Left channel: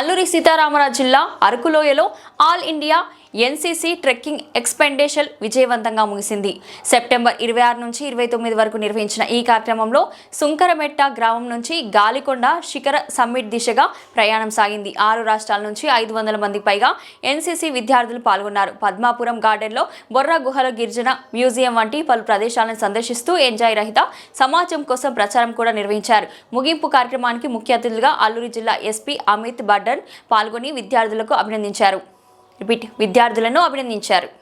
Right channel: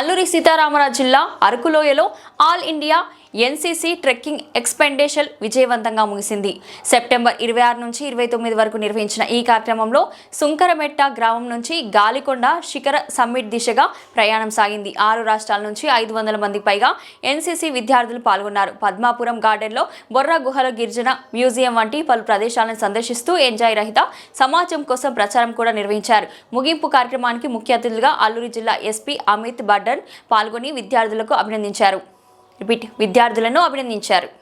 అల్లూరి సీతారామరాజు జిల్లా అరకులోయలో all India NCC trekking expedition విజయవంతంగా ముగిసింది. సెప్టెంబర్ ఇరవై ఆరు నుంచి ఇరవై తొమ్మిది వరకు నిర్వహించిన ఈ కార్యక్రమంలో సుంకరమెట్ట గ్రామం నుంచి గాలికొండ శిఖర సమ్మిట్ దిశగా ప్రయాణం సాగింది. ఆరు రాష్ట్రాల నుంచి ఐదు వందల మంది పైగా ఎన్సీసీ విద్యార్థులు పాల్గొన్నారు. పద్మాపురం గార్డెన్లో బొర్రా గుహల గిరిజన మ్యూజియం వంటి పలు ప్రదేశాలను సందర్శిస్తూ ఎంజాయ్ రహిత సమాజం కోసం ప్రచారం కూడా నిర్వహించారు. ముగింపు కార్యక్రమానికి ముఖ్య అతిథులుగా అల్లూరి జిల్లా ఎస్పీ అమిత్ బడ్డన్ పాల్గొని విద్యార్థులకు అభినందించారు. రిపీట్ విద్యార్థులను అభినందించారు.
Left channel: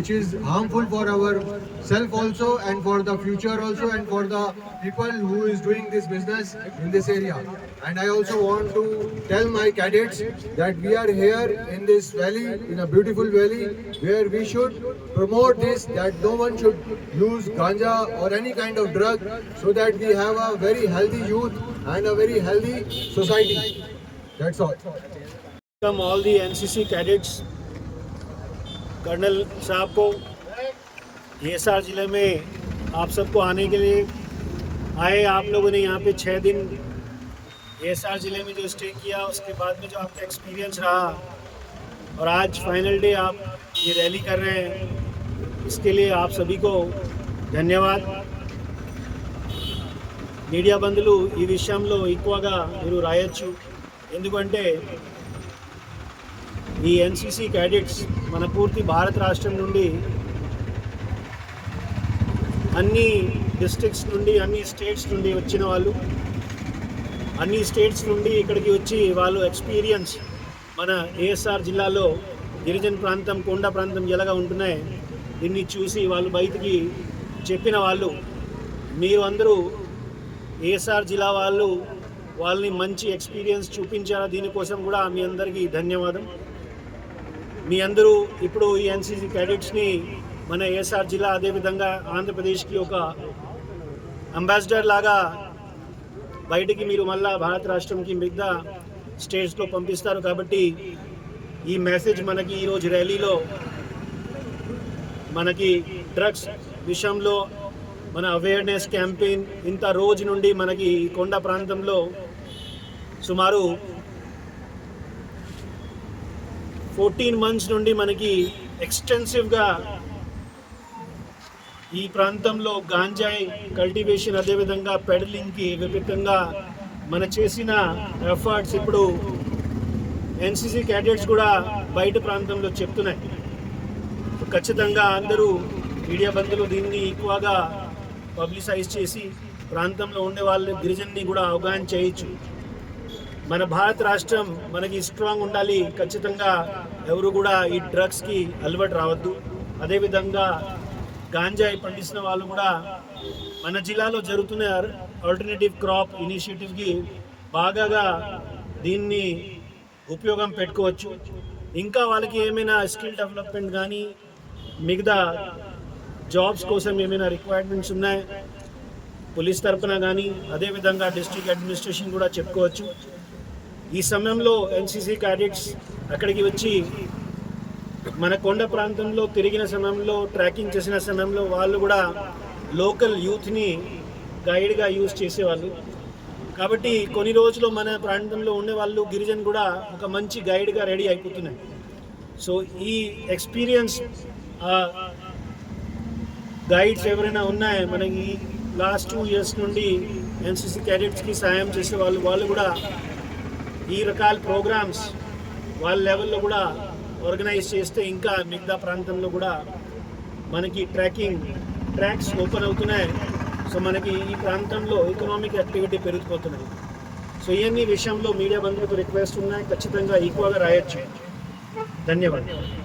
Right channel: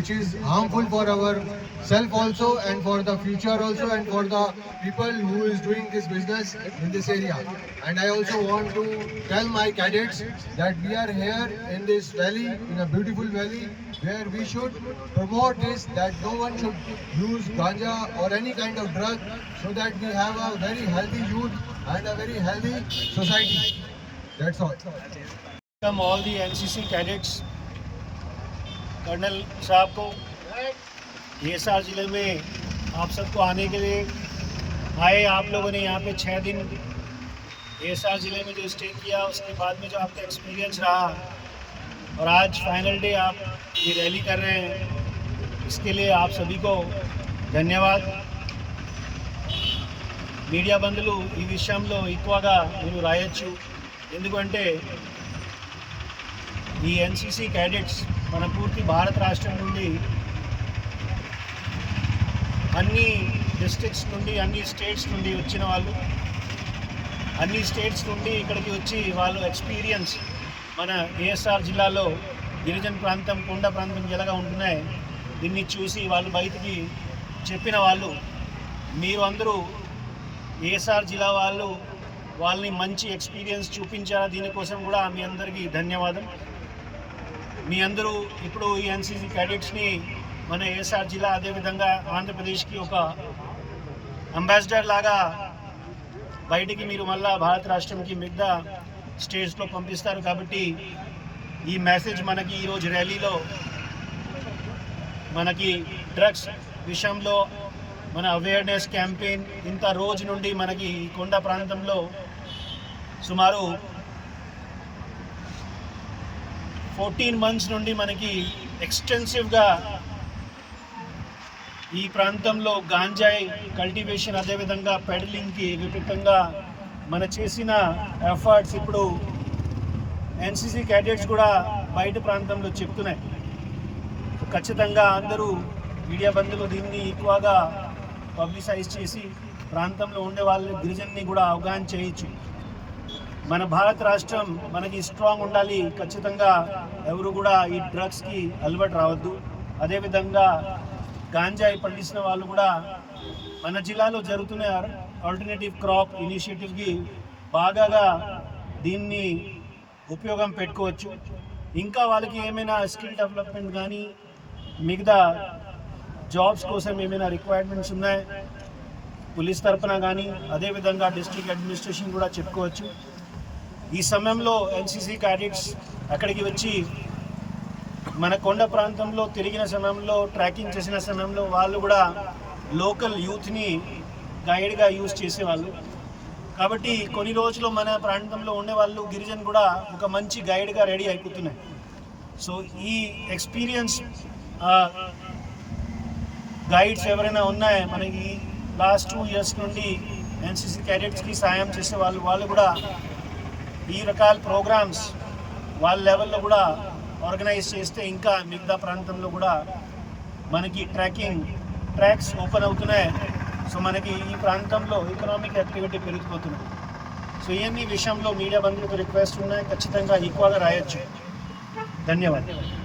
Which is harmful for our self also and for the future also and for the people who is doing this business in this area. And i also want to tell my cadets that we are here in this valley in a beautiful valley where we should promote this that no one should use ganja or any kind of drug so that we have a very healthy youth and a very healthy society. That's all. Welcome all the NCC cadets colonel साहब को हिसार ज़िले में आप सबको आने के लिए आए आप लोगों ने यहाँ पे छः दिन हिसार ज़िले में जो स्टे किया उसके बाद में जो आपका एक्सपीरियंस रहा और आज फाइनल डे आप ये रैली कर रहे हैं इसके लिए आप सभी को ధన్యవాద్ మీడియా బంధువులు ఈ విషయంలో ఎక్కువగా మీరు రాయొచ్చు ఎందుకంటే ఈ ఎన్సీసీ క్యాడెట్స్ మన పూర్తి భారత రాష్ట్రం నుండి అన్ని డిస్ట్రిక్ట్స్ నుండి అన్ని స్టేట్స్ నుండి వచ్చిన వాళ్ళు అన్ని స్టేట్స్ నుండి ఇక్కడికి వచ్చి వాళ్ళు ఎక్స్పీరియన్స్ మన ఏఎస్ఆర్ జిల్లాలో గిరిజన ప్రాంతం కొండ ప్రాంతం ఎలాగా ఉంటున్నాయి దీన్ని చూసి వాళ్ళు బయటికి చెప్పిన వాళ్ళు మీరు అందరూ ఏఎస్ఆర్ జిల్లా వాళ్ళు వాళ్ళని మంచి ఎక్స్పీరియన్స్ చూపించారు దీనికోసం కూడా మీ అందరికీ ధన్యవాదం. మీ అందరూ ఇప్పుడు ఈ ఎన్సీసీ క్యాడెట్స్ని మన ఏఎస్ఆర్ జిల్లా అదేవిధంగా ఆంధ్రప్రదేశ్కి ఒక అంబాసిడర్ లాగా బయటికి మీరు మళ్ళా భారత రాష్ట్రంకి మిగతా స్టేట్స్లో పంపిస్తారు కాబట్టి ఈ మెసేజ్ మనకి ఈరోజు ర్యాలీలో మనకి డ్రగ్స్ విషయంలో మన అవేర్నెస్ క్యాంపెయిన్ ఇంత రోజు నుండి మనకి ఈ కొండ ప్రాంతంలో సుమారు ఫోర్టీన్ మంత్స్ నుండి మనకి ఎక్స్టెన్సివ్గా ఈ ప్రాంతంలో గాంజాయి కల్టివేషన్ అదేవిధంగా పెడలింగ్కి విపరీతంగా మన చేసిన ఎఫర్ట్స్ ఇప్పుడు ఎన్సీసీ క్యాడెట్స్ కూడా బయట ప్రాంతంలో చెప్తున్నాయి. ఖచ్చితంగా అందరూ మీడియా బంధువులు దీన్ని ఎక్కువగా పబ్లిసైజ్ చేసి ప్రాంతంలో ఉండే వాళ్ళు గిరిజన్ని కూడా అవగాహన చేయొచ్చు. మన భారత రాష్ట్రం మనకి స్ట్రాంగ్ ఉండాలి. ఖచ్చితంగా ఎవరు కూడా ఈ డ్రగ్స్కి అలవాటు రావద్దు. అదేవిధంగా గాంజాయి పండిస్తున్న వాళ్ళు కూడా మన జిల్లాలో జరుగుతున్న ఆల్టర్నేటివ్ క్రాప్ ఇనిషియేటివ్కి బాగాగా దీన్ని ఉపయోగం పెట్టుకోవచ్చు. ఇంకా వాళ్ళకి ఏమైనా స్కిల్ డెవలప్మెంట్ కానీ మిగతా జాబ్స్ కోసం ఏమైనా రిక్వైర్మెంట్స్ ఉన్నాయి? పోలీస్ తరఫున కానీ అదేవిధంగా డిస్ట్రిక్ట్ అడ్మినిస్ట్రేషన్ కూడా చెప్పుకోవచ్చు. ఈ సమయంలో ఎన్సీసీ క్యాడెట్స్ అక్కడికి వచ్చి మన కొండ ప్రాంతంలో తిరిగిన సమయంలో ట్రాకింగ్ చేసిన సమయంలో వాళ్ళు కూడా లోకల్ యూత్ని గైడ్గా యూజ్ చేసేవాళ్ళు. కాబట్టి కొన్ని రోజులు మన ప్రాంతంలో ఉండే వాళ్ళు గిరిజన్ కూడా ఒక మంచి గైడ్గా రెడీ అయిపోతున్నాయి. సో ఈ ఎక్స్పీరియన్స్ గైడ్స్ ఎవరైనా ఉన్నాయో? మనకి లాస్ట్ టూ ఇయర్స్ నుండి ఎన్సీసీ క్యాడెట్స్కి సాయం చేసే వాళ్ళు వాళ్ళు కూడా ఈ రకాల ప్రోగ్రామ్స్ వాళ్ళ లెవెల్లో కూడా ఆర్గనైజ్ చేస్తే ఇంకా మిగతా ప్రాంతంలో కూడా మనకి ట్రాకింగ్ ట్రాక్స్ ఓపెన్ అవుతున్నాయి. సో మనకి ఈ ప్రాంతంలో ఎకనామిక్ యాక్టివిటీ పెరిగిపోతున్నాయి సో ఇవన్నీ విషయంలో మీడియా బంధువులకు రిక్వెస్ట్ ఉన్నాయి ఖచ్చితంగా ఎక్కువగా రాయొచ్చు. ధన్యవాదాలు.